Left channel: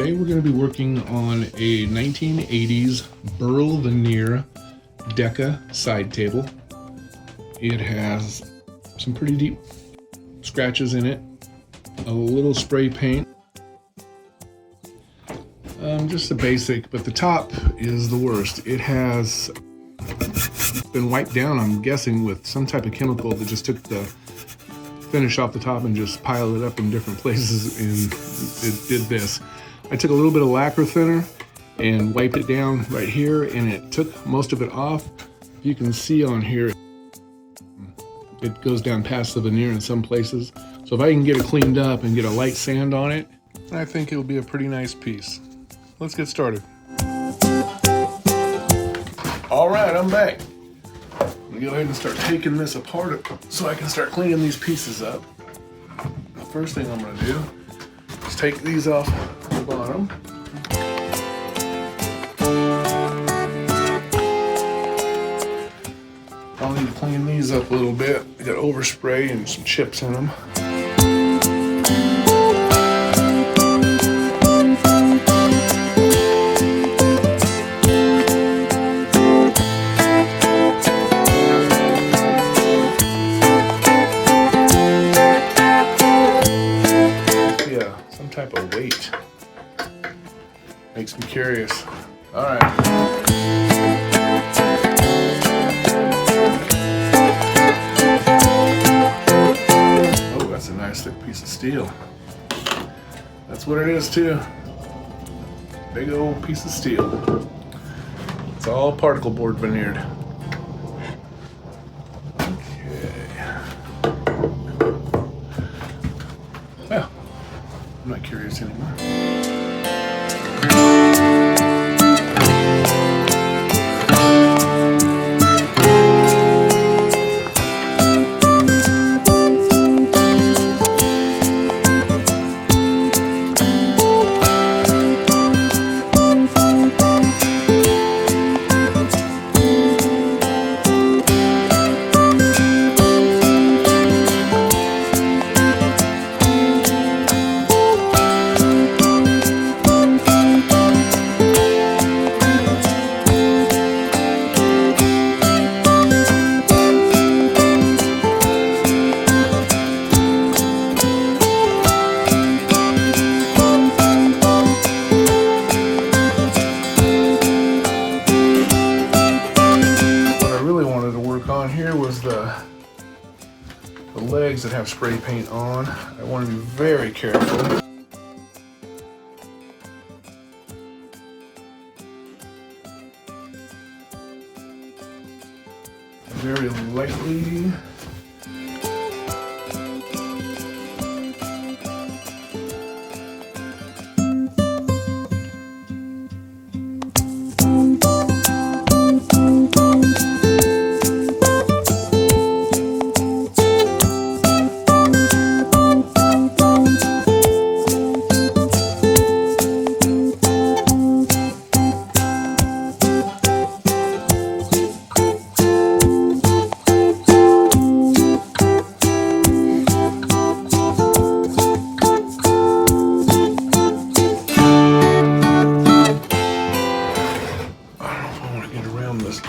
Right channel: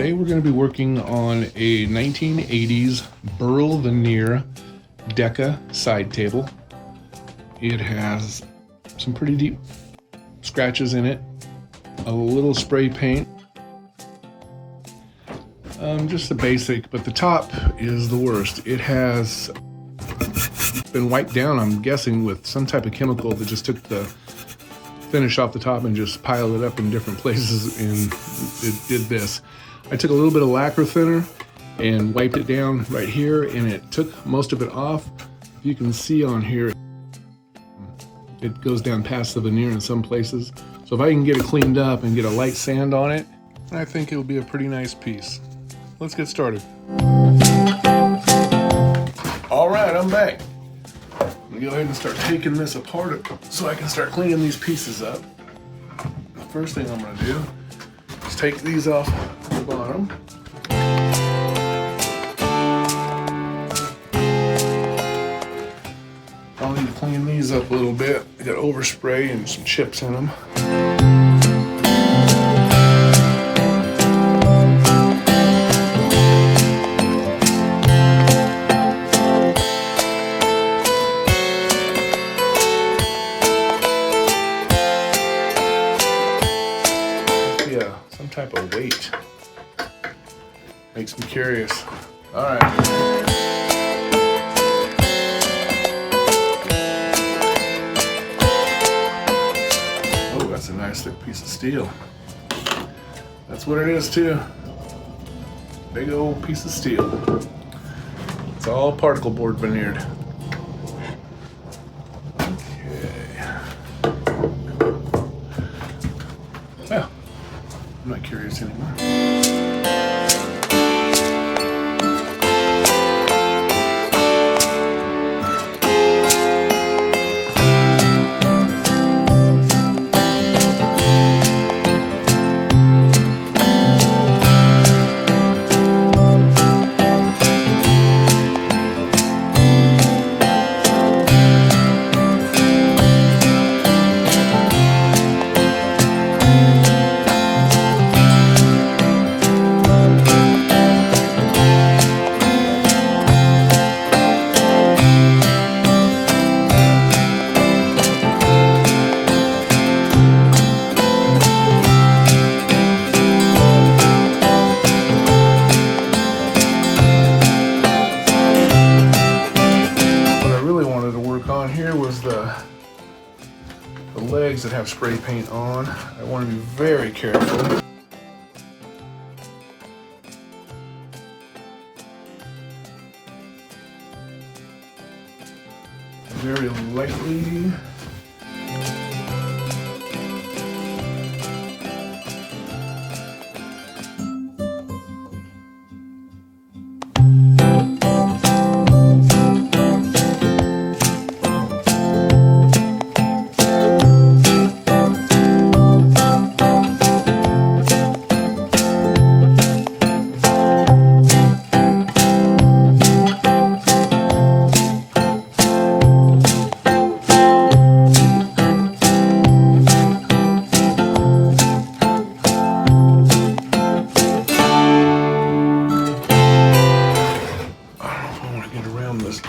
Today we're going to be working on a 1980s Burl veneer DECCA side table. It has some pretty deep scratches in it, a little spray paint, just the basic, but the top is the worst. It has been wiped down, I'm guessing, with some type of chemical that just took the finish off the top and just piled it up in different places, and it did this. I took a little bit of lacquer thinner and wiped it down right here, and it took most of it off. You can see on here it goes down past the veneer in some places. So if I can get it cleaned up and get a light sand on it, I think it'll be a pretty nice piece. Let's get started. All right, I'm back. I'm gonna go ahead and start taking this apart so I can start cleaning these pieces up. The first thing I'm gonna do is take these off the bottom. I'll need to clean these up a little bit. I got overspray and some chips in them. Yeah, some type of weight. Makes me curious. All right. That's a nice thick piece of steel. That's what it is too. Big old piece of steel. It's all particle board veneered. Okay. Well, I'm not curious anymore. The legs that have spray paint on. I want to be very careful. Very lightly.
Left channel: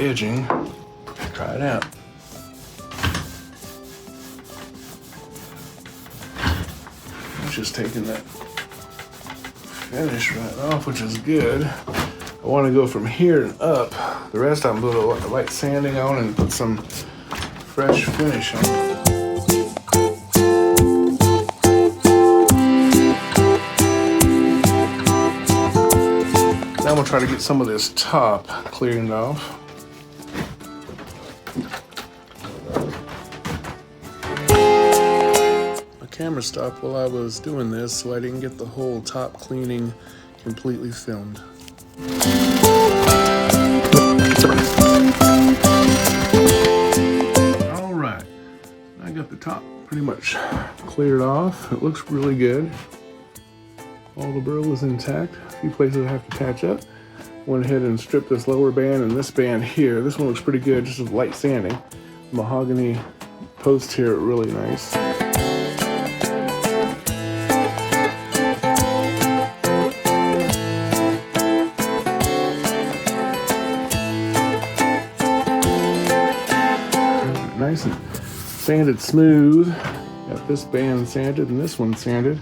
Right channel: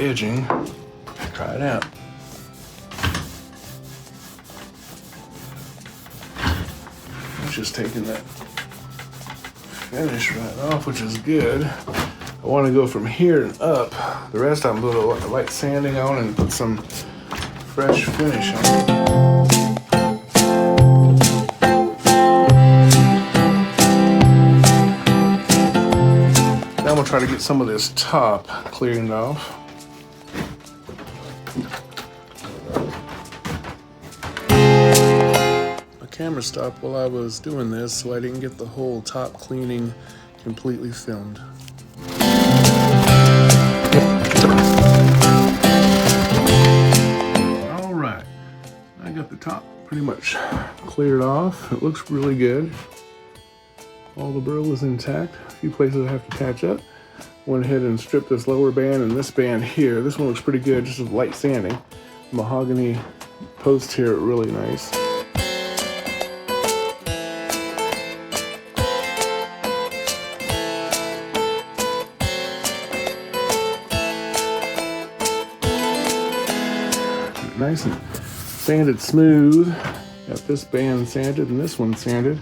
Edging. Try it out. I'm just taking that finish right off, which is good. I want to go from here and up. The rest I'm going to put a light sanding on and put some fresh finish on. Now I'm going to try to get some of this top cleared off. Camera stopped while I was doing this, so I didn't get the whole top cleaning completely filmed. All right, I got the top pretty much cleared off. It looks really good. All the burl is intact. A few places I have to patch up. Went ahead and stripped this lower band and this band here. This one looks pretty good, just with light sanding. Mahogany post here, really nice. nice and sanded smooth. Got this band sanded and this one sanded.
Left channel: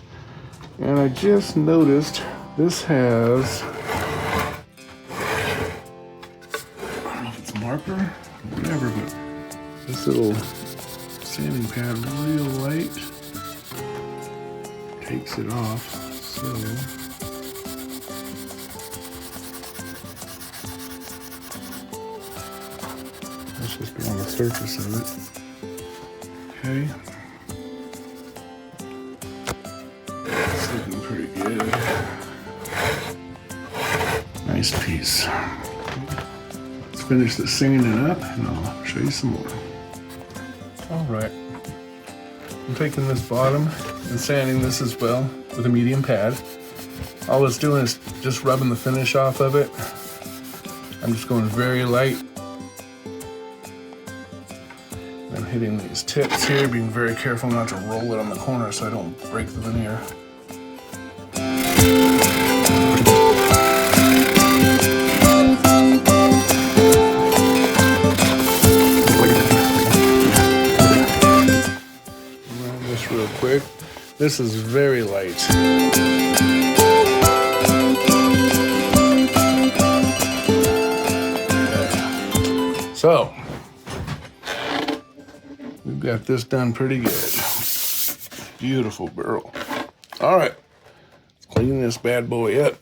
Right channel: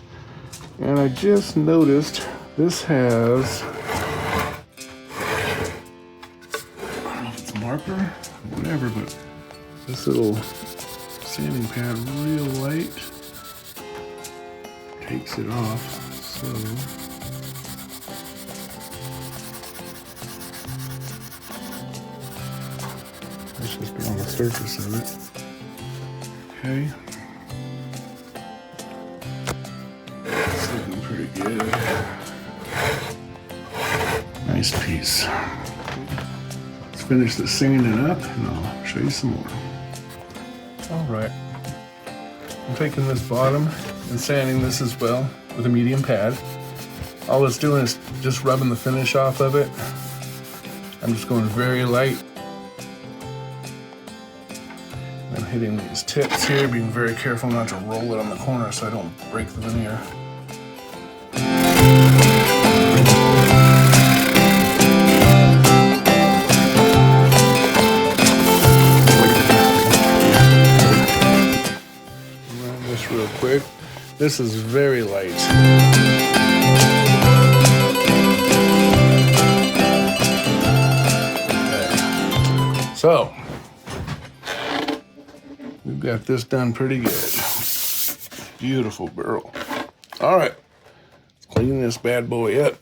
And I just noticed this has, I don't know if it's a marker or whatever, but this little sanding pad real light takes it off. So let's just be on the surface of it. Okay. It's looking pretty good. Nice piece. Let's finish the sanding up and I'll show you some more. All right. I'm taking this bottom and sanding this as well with a medium pad. All it's doing is just rubbing the finish off of it. I'm just going very light. I'm hitting these tips here, being very careful not to roll it on the corner so I don't break the veneer. Run this real quick. This is very light. Okay. So, we've got this done pretty good. Beautiful Burl. All right, let's clean this bad boy up.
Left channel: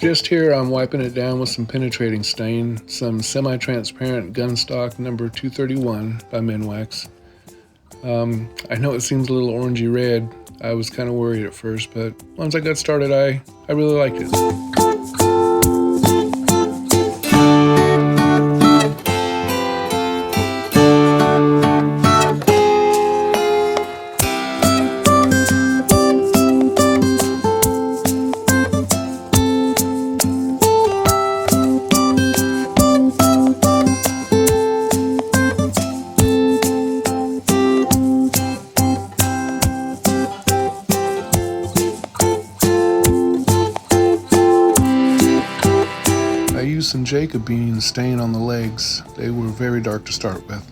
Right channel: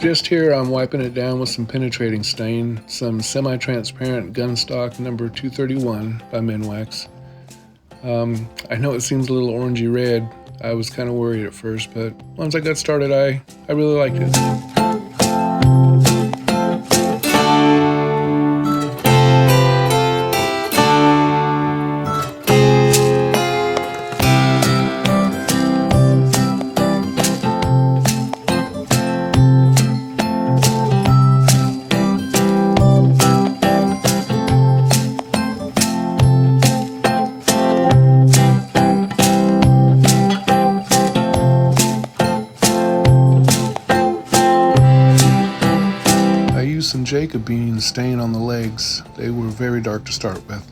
Just here, I'm wiping it down with some penetrating stain, some semi-transparent gunstock number 231 by Minwax. I know it seems a little orangey red. I was kind of worried at first, but once I got started, I really liked it. I used some Jacob beans stain on the legs. They were very dark to start with.